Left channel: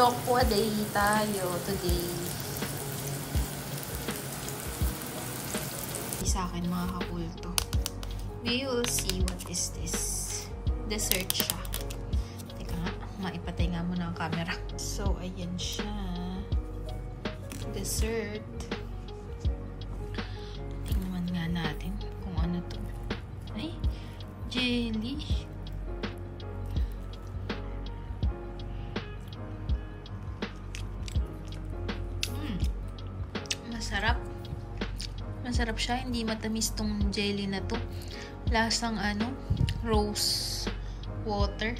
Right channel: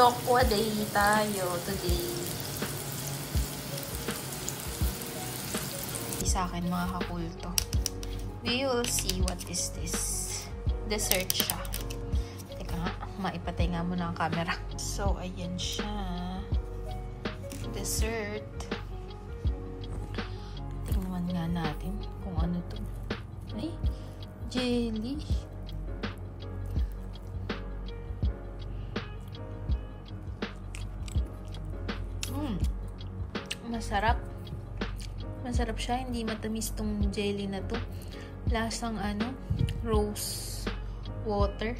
Tokwa day tayo today. Sa akin mga kakulto. We will see what is this. Dessert siya. Teka nga, maipatay nga muna ang camera. So, ayan siya. Dessert. Tingnan nga natin kung ano to. Ay, jelly. Masarap. Masarap siya. Hindi matamis tong jelly na to. Lasang ano, rose water.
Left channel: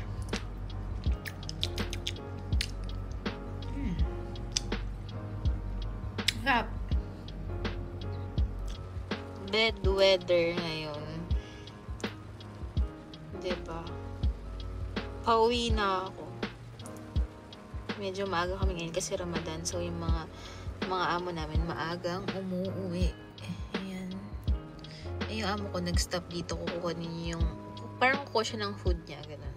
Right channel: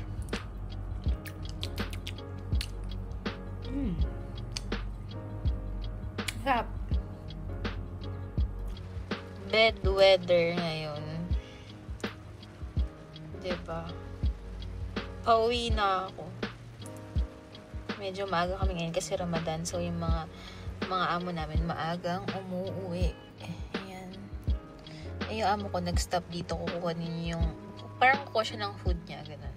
Sarap. Bad weather ngayon. Diba? Pauwi na ako. Medyo maaga kami ngayon kasi Ramadan. So, yung mga amo namin maagang umuwi. Ayan. Yung amo ko nag-stop dito. Kukuha niya yung parang kukuha siya ng food niya. Ganun.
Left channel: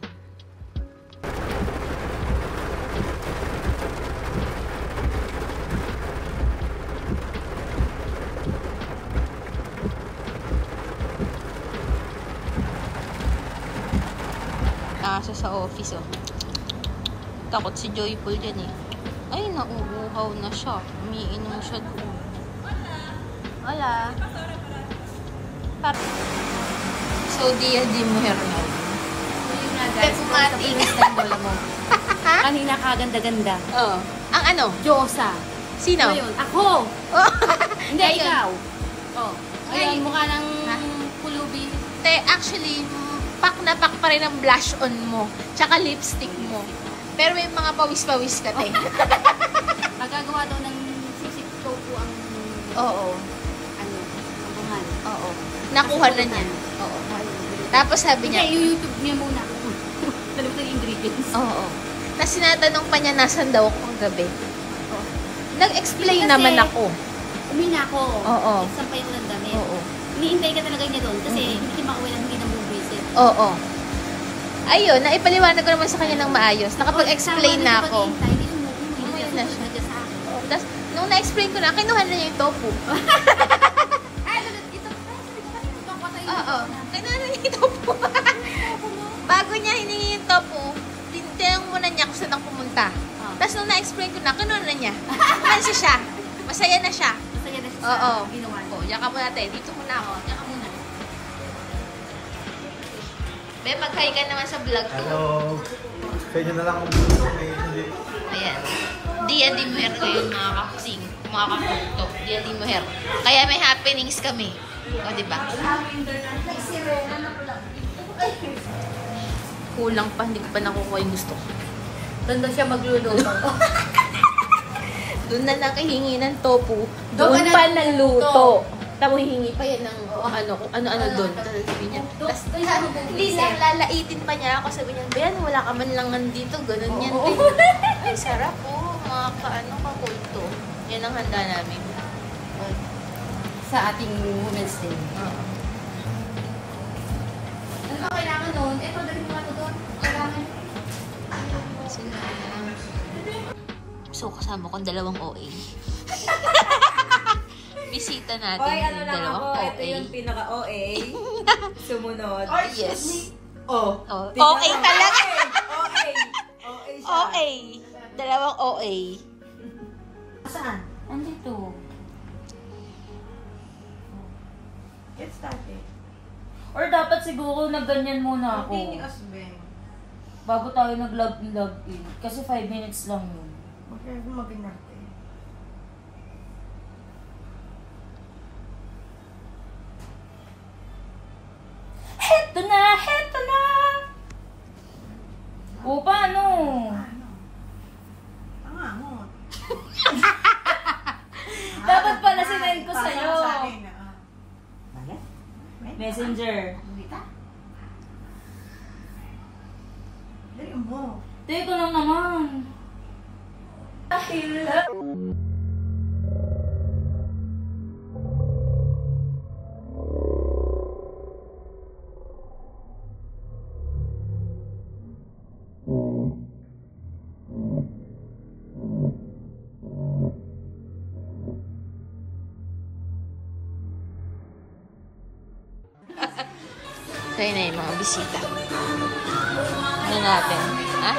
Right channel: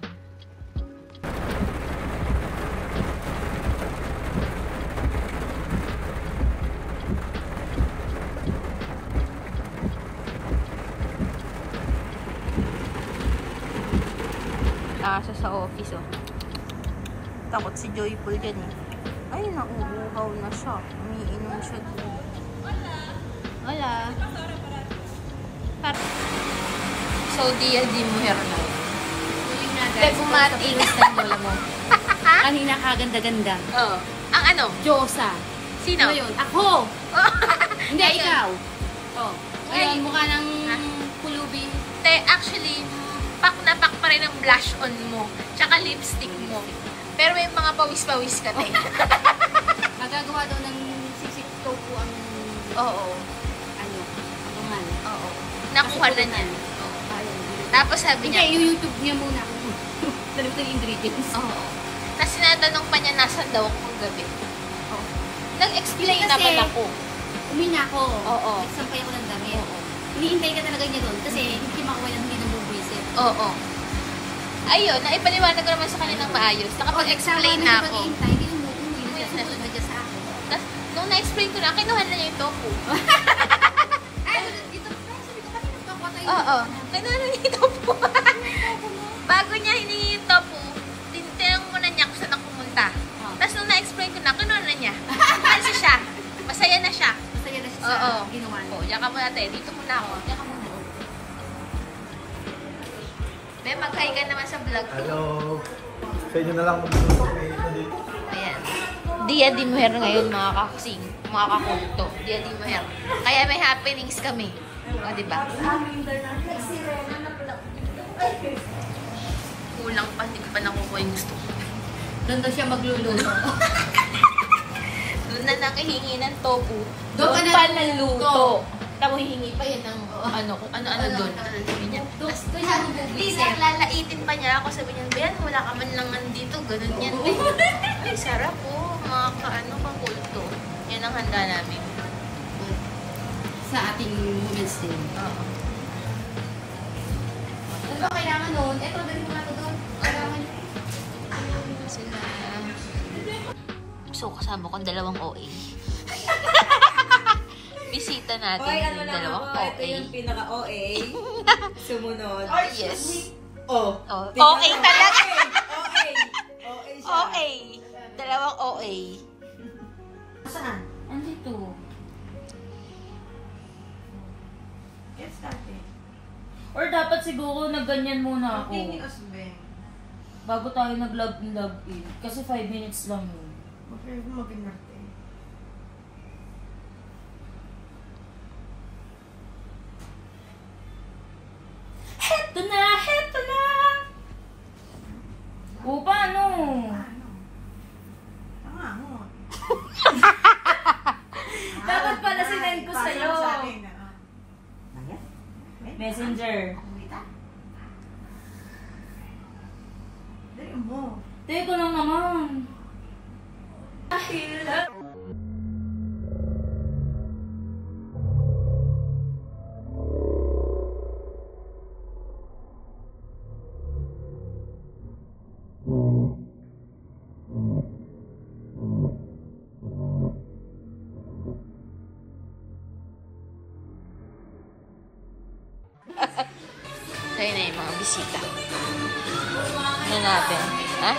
Nasa sa office, oh. Takot si Joyful dyan, eh. Ay, nauuhaw na siya. Umiinom siya doon. Wala. So, di muher na yun. Uwi na, guys. Kumati. Lola mo. Kanina kaganda-ganda. Oo. Ang ano? Diyosa. Sino? Ngayon, ako! Hindi, Ayun. ikaw. Oh. Ngayon, Ay. mukha ng kulubi. Actually, pak na pak pa rin ang blush on mo. Tsaka lipstick mo. Pero may mga pawis-pawis ka, te. Magagawa daw ng sisig tofu ang Oo. ano, abuhan. Oo. Nakuha na niya. Oo. Tapos sabi niya, Hindi, yung YouTube niya muna. Tanong ko yung ingredients. oo. Tapos natanong pa niya nasan daw akong gabi. Oo. Nag-explain Kasi, naman ako. Umina ako. Oo. Nagsampay ako ng damit. Hinihintay ka talaga niya doon kasi hindi ka makuha ng hindi ng bubuisit. Oo. Ayun, naipaliwanag ko naman sa kanya ng maayos. Nakapag-explain na ako. Hindi mo susunod na dyan sa akin. Tapos, nung na-explain ko na, kinuha na niya yung tofu. Ay, ito, sabi ko kasi nagkakwa tayo. Oo. Kinuha na niya yung tofu. Bago niya hiningi yung tofu, tinanong muna niya kung saan ako pumunta. Tapos nung na-explain ko na, kinuha na niya. Kumansi siya. Masaya na siya. Masaya na siya Oo. sa ginawa niya. Oo, diyan ka muna tayo. Dito muna ako. Diyan ka muna. Be, mag-hi ka naman sa vlog ko. Hello. Sa inyo na lang. Ayan. Dia di Mujer ngayon, mga kakusing. Mga kakulto. Dia di Mujer. Kaya may happenings kami. O, diba? Kulang pa. Hindi ko pa nakukuha yung gusto ko. Doon na siya magluluto. Doon na nakihingi ng tofu. Doon Doon pa pa na ng luto. Tapos hihingi pa yan ng ano doon. Tapos, please, lalaitin pa niya ako. Sabi niya, Bayan, wala ka man lang nandito. Ganun yan. Ay, sarap po. Mga kakulto. Yan ang handa namin. Sa ating Women's Day. Oo. Ano kailangan noon? Ito, daging plato doon. Kailangan. Sila. So, kasama kong dalawang OA. Bisita natin ano yung lang dalawang ako, OA. ito yung pinaka-OA. Sumunod. Yes. Oh. Oh, tignan OA mo. talaga. OA. OA siya. OA. Dalawang OA. Saan? Andito. Get started. Or dapat siguro nagganyan muna ako. Okay ni Asben. Bago tayo nag-log in. Kasi 5 minutes lang yun. Huwag mag-inarte. Heto na! Heto na! O, paano? Pangangot. Dapat pala sinend ko sa'yo. Bakit? Messenger. Dali mo. Take ko lang naman. bisita. Ano natin? Ha?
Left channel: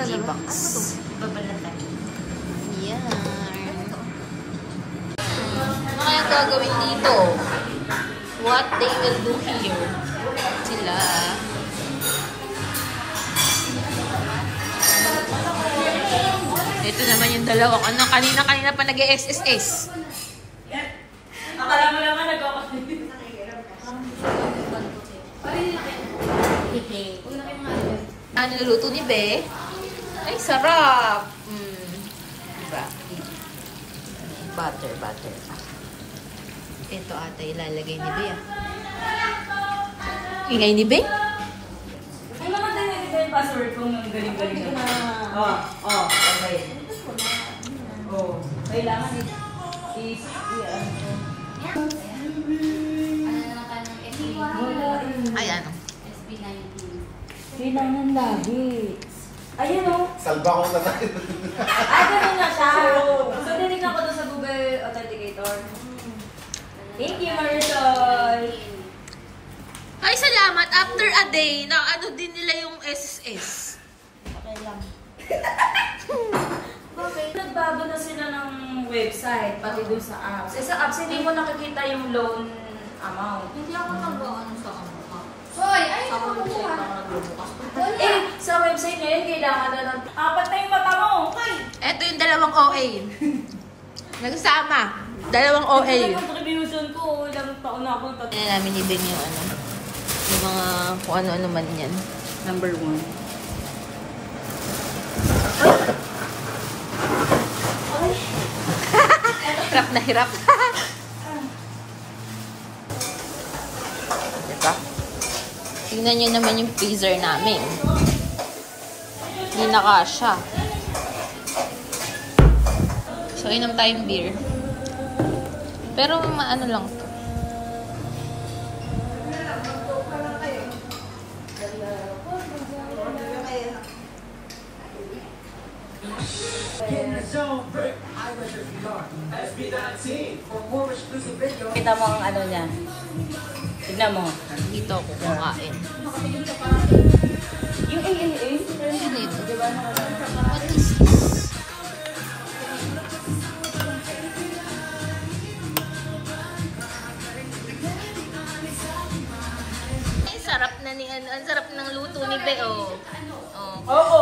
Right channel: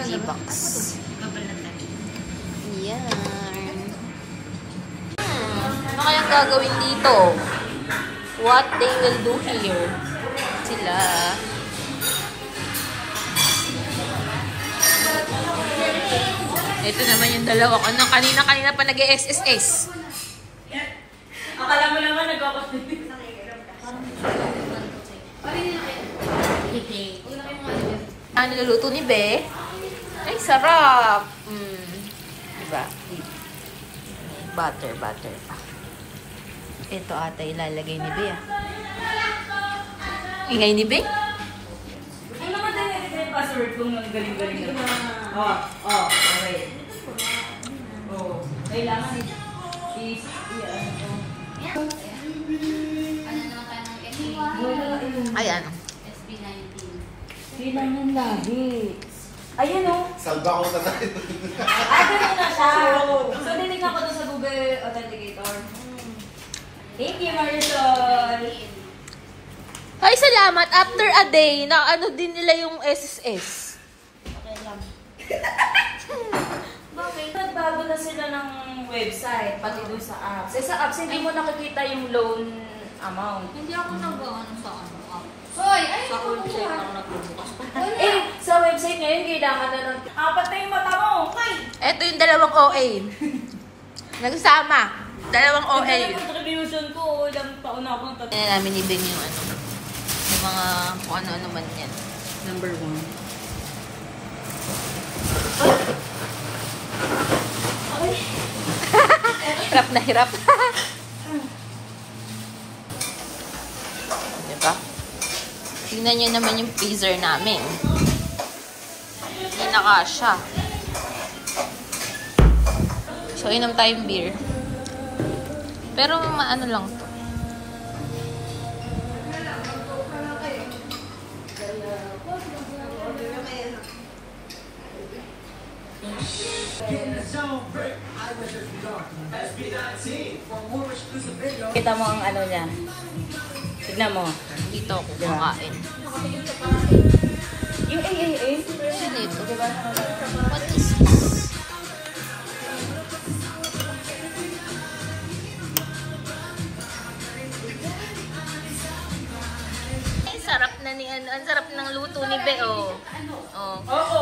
G-box. Babalatan. Yan. Ano kayang gagawin dito? What they will do here? Sila. Ito naman yung dalawang. Ano, kanina pa nag-SSS. Akala mo naman nagkakot. Ang niluluto ni Be. Ay, sarap. Diba? Butter. Ito ata ilalagay ni Be. Ingay ni Be? Ay, makadali ito yung password kong galing-galing na. Okay. Kailangan is, ano naman kayo ng SB? Ay, ano? SB19. Kailangan lagi. Ayun o. Salba ko na tayo. Ay, ganun na siya. So, tinignan ko doon sa Google Authenticator. Thank you, Marisol. Ay, salamat. After a day, na ano din nila yung SSS. Okay lang. Bakit? Nagbago na sila ng website, pati dun sa apps. Sa apps, hindi mo nakikita yung loan amount. Hindi ako nag-ano sa ano. Hoy, ay, Sa website na nagbubukas. Sa website ngayon, kailangan na ng 4 na yung mata mo. Okay. Ito yung dalawang OA. Nagsama. Dalawang OA. Ito na contribution ko. Ilang taon na ako. Kaya namin ibig yung ano. Yung mga kung ano-ano man yan. number 1. Hirap na hirap. Diba? Tingnan nyo naman yung freezer namin. Hindi na kasha. So, inom tayong beer. Pero, maano lang to. Kita mo ang ano niya. Tignan mo. Dito ako kumakain. Yung AAA. Ano ito? What is it? Ay, sarap na ni ano. Ang sarap ng luto ni Be, oh. Oh. Oo,